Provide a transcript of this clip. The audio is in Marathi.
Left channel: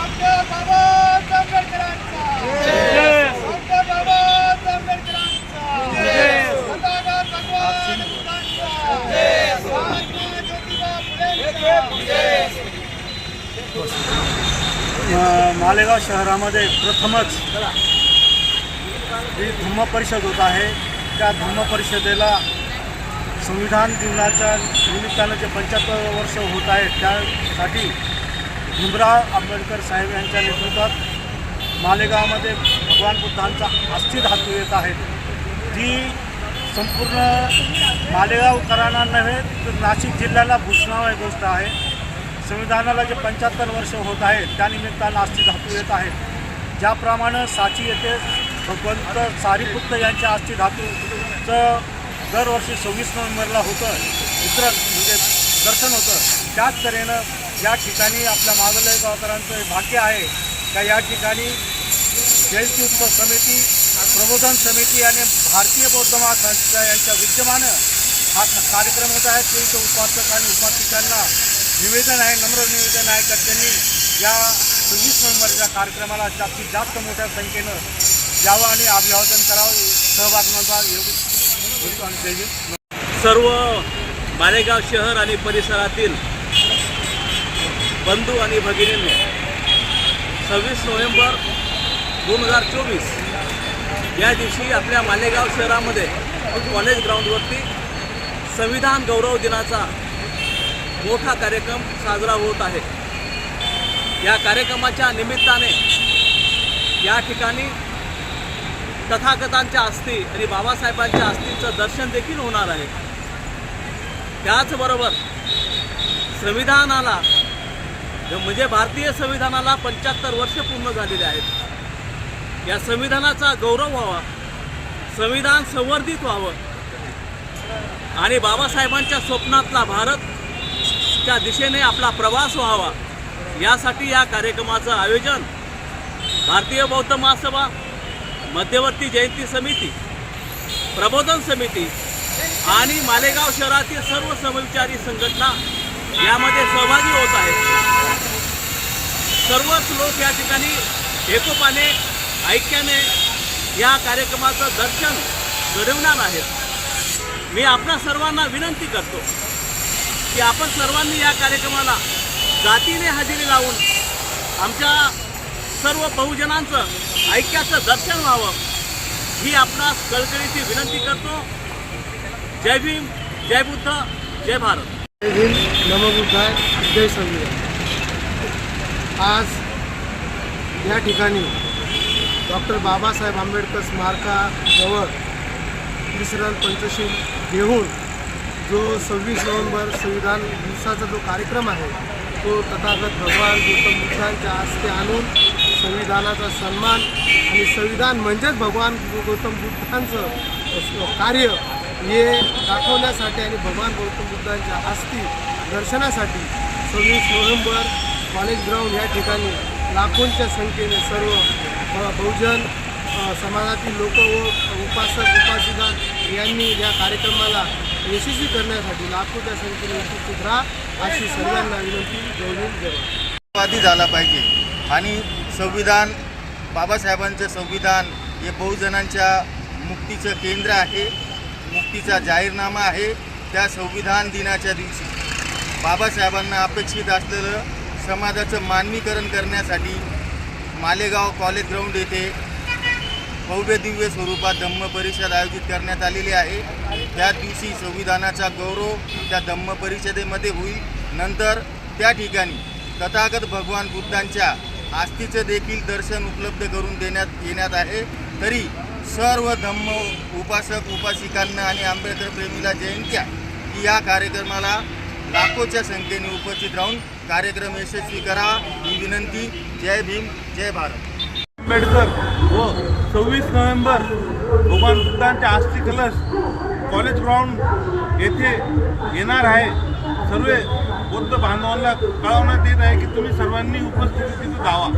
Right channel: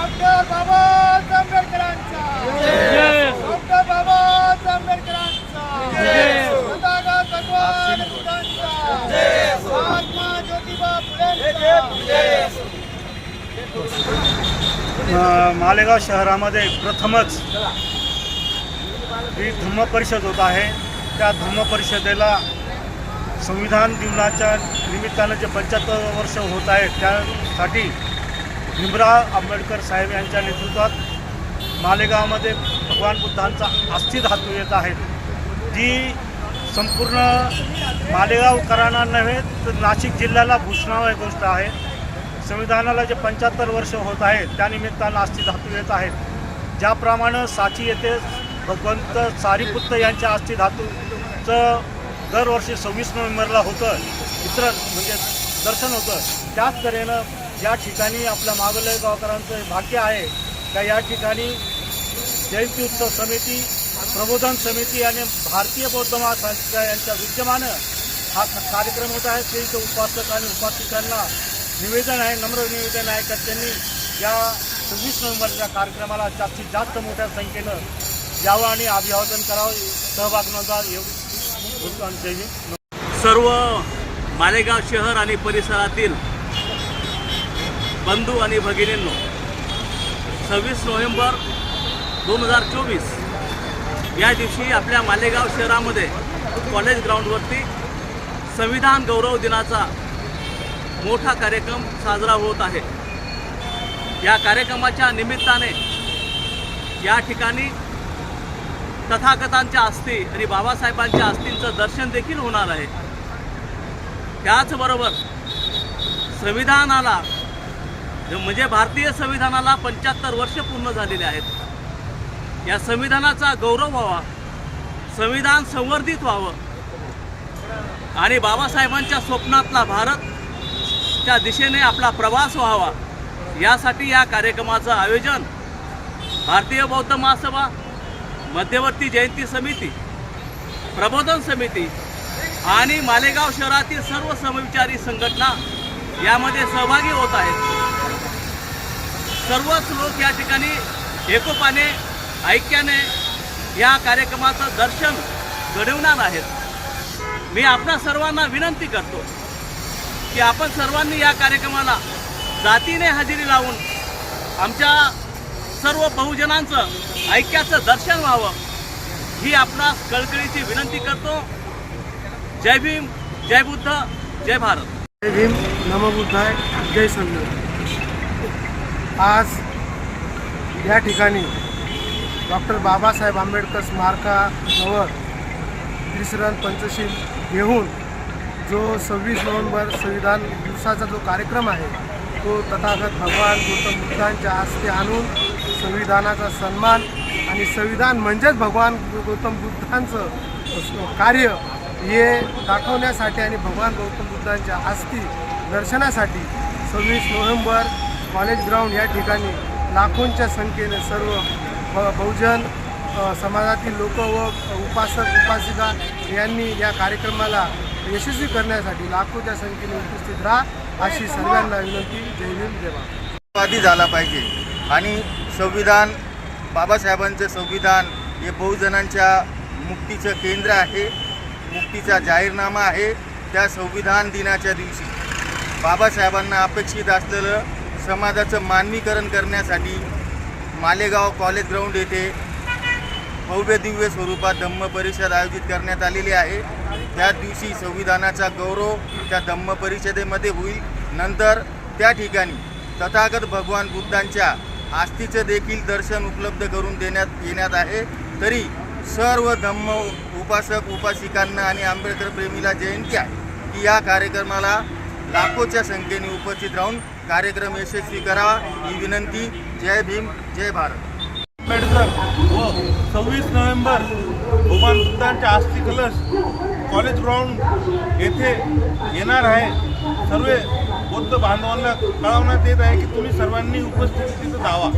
डॉक्टर बाबासाहेब आंबेडकरांचा. डॉक्टर बाबासाहेब आंबेडकरांचा. भगवान बुद्धांचा. महात्मा ज्योतिबा फुलेंचा. मालेगाव शहरामध्ये प्रथमच ही धम्म परिषद होत आहे. त्या धम्म परिषदेला संविधान दिनाच्या निमित्तानं जे पंच्याहत्तर वर्ष होत आहे त्यासाठी भीमराव आंबेडकर साहेब यांच्या नेतृत्वात मालेगावमध्ये भगवान बुद्धांचा अस्थिधातू येत आहे. जी संपूर्ण मालेगावकरांना नव्हे तर नाशिक जिल्ह्याला भूषणावय गोष्ट आहे. संविधानाला जे पंच्याहत्तर वर्ष होत आहे त्यानिमित्तानं अस्थि धातू येत आहे. ज्याप्रमाणे साची येथे भगवंत सारीपुत्त यांच्या अस्थि धातूचं दरवर्षी सव्वीस नोव्हेंबरला होतं इतर म्हणजे दर्शन होतं. त्याच तऱ्हेनं या ठिकाणी आपल्या मागले गावकरांचं भाग्य आहे का या ठिकाणी जयंती उत्सव समिती प्रबोधन समिती आणि भारतीय बौद्ध महासंस्था यांच्या विद्यमानं हा कार्यक्रम होत आहे. ते उपासक आणि उपासिकांना निवेदन आहे नम्र निवेदन आहे का त्यांनी या सव्वीस नोव्हेंबरच्या कार्यक्रमाला जास्तीत जास्त मोठ्या संख्येनं यावं आणि अभिवादन करावं. सहभाग नोंदवावा योग्य आणि सर्व मालेगाव शहर आणि परिसरातील बंधू आणि भगिनींनो सव्वीस नोव्हेंबर दोन हजार चोवीस या दिवशी आपल्या मालेगाव शहरामध्ये कॉलेज ग्राउंडवरती संविधान गौरव दिनाचा मोठा कार्यक्रम साजरा होत आहे. या कार्यक्रमाच्या निमित्ताने या ठिकाणी तथागतांच्या अस्थी आणि बाबासाहेबांच्या अस्थींचं दर्शन देखील होणार आहे. त्याचबरोबर संविधानाला म्हणजे भारतीय संविधानाला पंच्याहत्तर वर्ष पूर्ण झालेले आहेत. या संविधानाचा गौरव व्हावा संविधान संवर्धित व्हावं आणि बाबासाहेबांच्या स्वप्नातला भारतच्या दिशेने आपला प्रवास व्हावा यासाठी या कार्यक्रमाचं आयोजन भारतीय बौद्ध महासभा मध्यवर्ती जयंती समिती प्रबोधन समिती आणि मालेगाव शहरातील सर्व समविचारी संघटना यामध्ये सहभागी होत आहेत. सर्वच लोक या ठिकाणी एकोपाने ऐक्याने या कार्यक्रमाचं दर्शन घडवणार आहेत. मी आपणा सर्वांना विनंती करतो की आपण सर्वांनी या कार्यक्रमाला जातीने हजेरी लावून आमच्या सर्व बहुजनांचं ऐक्याचं दर्शन व्हावं ही आपणास कळकळीची विनंती करतो. जय भीम जय बुद्ध जय भारत। जय भीम नमो बुद्धाय जय संविधान आज या ठिकाणी डॉक्टर बाबासाहेब आंबेडकर स्मारकाजवळ विश्राम पंचशील घेऊन जो सव्वीस नोव्हेंबर संविधान दिवसाचा जो कार्यक्रम आहे तो तथागत भगवान गौतम बुद्धांच्या हस्ते आणून संविधानाचा सन्मान आणि संविधान म्हणजेच भगवान गौतम बुद्धांचं कार्य हे दाखवण्यासाठी आणि भगवान गौतम बुद्धांच्या अस्थी दर्शनासाठी सव्वीस नोव्हेंबर कॉलेज ग्राउंड या ठिकाणी लाखोंच्या संख्येने सर्व बहुजन समाजातील लोक व उपासक उपासिका यांनी या कार्यक्रमाला यशस्वी करण्यासाठी लाखोच्या संख्येने उपस्थित राहा अशी सर्वांना विनंती. जय हिंद झाला पाहिजे. आणि संविधान बाबासाहेबांचं संविधान हे बहुजनांच्या मुक्तीचं केंद्र आहे. मुक्तीचा जाहीरनामा आहे त्या संविधान दिनाच्या दिवशी. बाबासाहेबांना अपेक्षित असलेलं समाजाचं मानवीकरण करण्यासाठी मालेगाव कॉलेज ग्राउंड येथे भव्य दिव्य स्वरूपात धम्म परिषद आयोजित करण्यात आलेली आहे. त्या दिवशी संविधानाचा गौरव त्या धम्म परिषदेमध्ये होईल. नंतर त्या ठिकाणी तथागत भगवान बुद्धांच्या आस्थीचं देखील दर्शन उपलब्ध करून देण्यात येण्यात आहे. तरी सर्व धम्म उपासक उपासिकांना आणि आंबेडकर प्रेमीला जयंती आहे. की या कार्यक्रमाला लाखोच्या संख्येने उपस्थित राहून कार्यक्रम यशस्वी करावा ही विनंती. जय भीम जय भारत. आंबेडकर व सव्वीस नोव्हेंबर भगवान बुद्धांचे अस्थि कलश कॉलेज ग्राउंड येथे येणार आहे. सर्व बौद्ध बांधवांना कळवण्यात येत आहे की तुम्ही सर्वांनी उपस्थिती तिथं धावा.